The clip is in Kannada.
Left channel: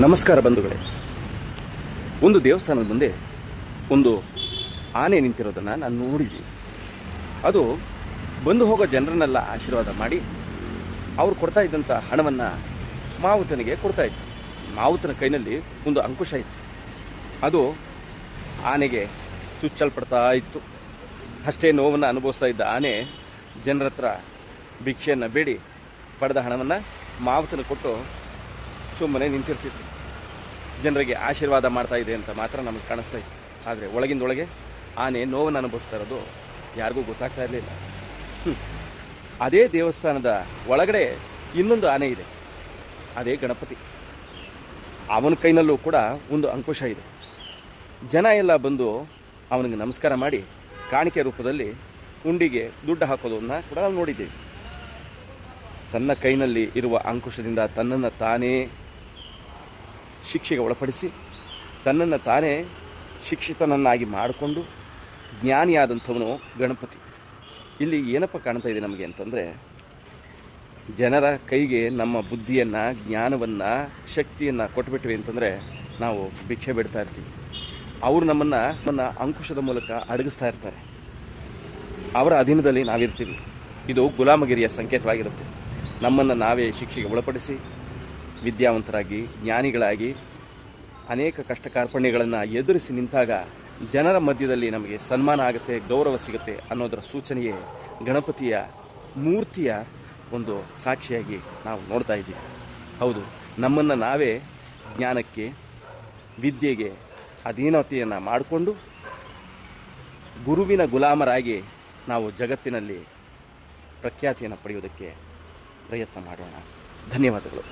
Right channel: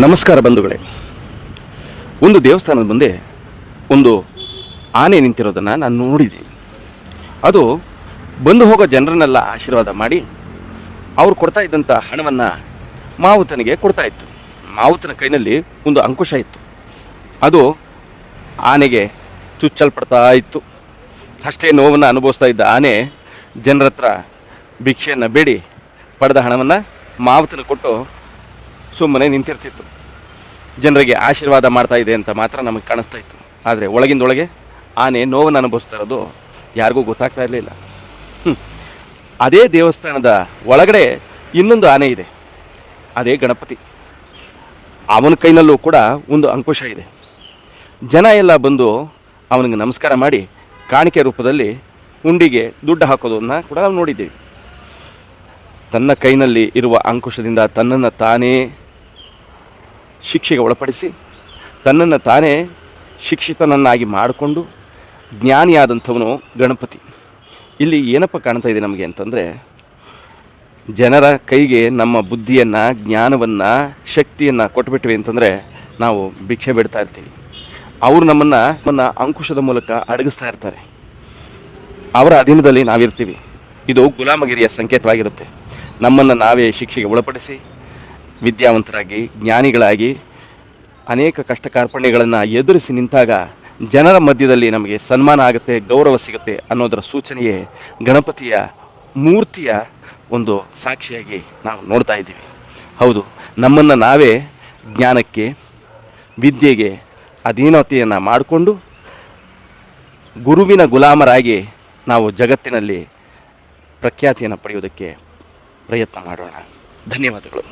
ನಮಸ್ಕಾರ ಬಂಧುಗಳೇ. ಒಂದು ದೇವಸ್ಥಾನದ ಮುಂದೆ ಒಂದು ಆನೆ ನಿಂತಿರೋದನ್ನು ನಾನು ನೋಡಿದ್ದೀನಿ. ಅದು ಬಂದು ಹೋಗೋ ಜನರನ್ನೆಲ್ಲ ಆಶೀರ್ವಾದ ಮಾಡಿ ಅವ್ರು ಕೊಡ್ತಾ ಇದ್ದಂಥ ಹಣವನ್ನು ಮಾವುತನಿಗೆ ಕೊಡ್ತಾ ಇತ್ತು. ಮಾವುತನ ಕೈನಲ್ಲಿ ಒಂದು ಅಂಕುಶ ಇತ್ತು. ಅದು ಆನೆಗೆ ಚುಚ್ಚಲ್ಪಡ್ತಾ ಇತ್ತು. ಅಷ್ಟೇ ನೋವನ್ನು ಅನುಭವಿಸ್ತಾ ಇದ್ದ ಆನೆ ಜನರ ಹತ್ರ ಭಿಕ್ಷೆಯನ್ನು ಬೇಡಿ ಪಡೆದ ಹಣವನ್ನು ಮಾವುತನ ಕೊಟ್ಟು ಸುಮ್ಮನೆ ನಿಂತಿರ್ತಿತ್ತು. ಜನರಿಗೆ ಆಶೀರ್ವಾದ ಮಾಡ್ತಾ ಇದೆ ಅಂತ ಮಾತ್ರ ನಮಗೆ ಕಾಣಿಸ್ತಾ ಇತ್ತು. ಆದರೆ ಒಳಗಿಂದೊಳಗೆ ಆನೆ ನೋವನ್ನು ಅನುಭವಿಸ್ತಾ ಇರೋದು ಯಾರಿಗೂ ಗೊತ್ತಾಗ್ತಾ ಇರಲಿಲ್ಲ. ಅದೇ ದೇವಸ್ಥಾನದ ಒಳಗಡೆ ಇನ್ನೊಂದು ಆನೆ ಇದೆ, ಅದೇ ಗಣಪತಿ. ಅವನ ಕೈನಲ್ಲೂ ಕೂಡ ಒಂದು ಅಂಕುಶ ಇದೆ. ಜನ ಎಲ್ಲ ಬಂದು ಅವನಿಗೆ ನಮಸ್ಕಾರ ಮಾಡಿ ಕಾಣಿಕೆ ರೂಪದಲ್ಲಿ ಹುಂಡಿಗೆ ದುಡ್ಡು ಹಾಕೋದನ್ನು ಕೂಡ ನಾವು ನೋಡಿದ್ದೀವಿ. ತನ್ನ ಕೈನಲ್ಲಿ ಇರುವ ಅಂಕುಶದಿಂದ ತನ್ನನ್ನು ತಾನೇ ಶಿಕ್ಷೆಗೆ ಒಳಪಡಿಸಿ ತನ್ನನ್ನು ತಾನೇ ಶಿಕ್ಷಿತನನ್ನಾಗಿ ಮಾಡಿಕೊಂಡು ಜ್ಞಾನಿಯಾದಂಥವನು ಗಣಪತಿ. ಇಲ್ಲಿ ಏನಪ್ಪ ಕಾಣ್ತಾ ಇದೆ ನಮಗೆ ಅಂತಂದರೆ, ಜನರ ಕೈಗೆ ನಮ್ಮ ಬುದ್ಧಿಯನ್ನು, ಜ್ಞಾನವನ್ನು, ಶಕ್ತಿಯನ್ನು ಕೊಟ್ಬಿಟ್ವಿ ಅಂತಂದರೆ ನಾವು ಭಿಕ್ಷೆ ಬಿಡ್ತಾ ಇರ್ತೀವಿ. ಅವರು ನಮ್ಮನ್ನು ಅಂಕುಶದ ಮೂಲಕ ಅಡಗಿಸ್ತಾ ಇರ್ತಾರೆ. ಅವರ ಅಧೀನದಲ್ಲಿ ನಾವಿರ್ತೀವಿ. ಇದು ಗುಲಾಮಗಿರಿಯ ಸಂಕೇತವಾಗಿರುತ್ತೆ. ನಮ್ಮನ್ನು ನಾವೇ ಶಿಕ್ಷೆಗೆ ಒಳಪಡಿಸಿ ವಿದ್ಯಾವಂತರಾಗಿ, ಜ್ಞಾನಿಗಳಾಗಿ ಅನೇಕ ಕಷ್ಟ ಕಾರ್ಪಣ್ಯಗಳನ್ನು ಎದುರಿಸಿ ನಿಂತಾಗ ಜನರ ಮಧ್ಯದಲ್ಲಿ ನಮಗೆ ಸನ್ಮಾನ ಆಗುತ್ತೆ, ಗೌರವ ಸಿಗುತ್ತೆ ಅನ್ನೋದರ ಸೂಚನೆಯೇ ಗಣಪತಿಯ ಮೂರ್ತಿಯ ಒಂದು ಸಾಕ್ಷಿಯಾಗಿ ನಾವು ನೋಡ್ತಾ ಇದ್ದೀವಿ. ಹೌದು, ನಮ್ಮನ್ನು ನಾವೇ ಜ್ಞಾನಕ್ಕೆ, ವಿದ್ಯೆಗೆ ಅಧೀನತೆಯನ್ನು ಮಾಡಿಕೊಂಡು ಗುರುವಿನ ಗುಲಾಮರಾಗಿ ನಾವು ಜಗತ್ತಿನಲ್ಲಿ ಪ್ರಖ್ಯಾತಿಯನ್ನು ಪಡೆಯುವುದಕ್ಕೆ ಪ್ರಯತ್ನ ಮಾಡೋಣ. ಧನ್ಯವಾದಗಳು.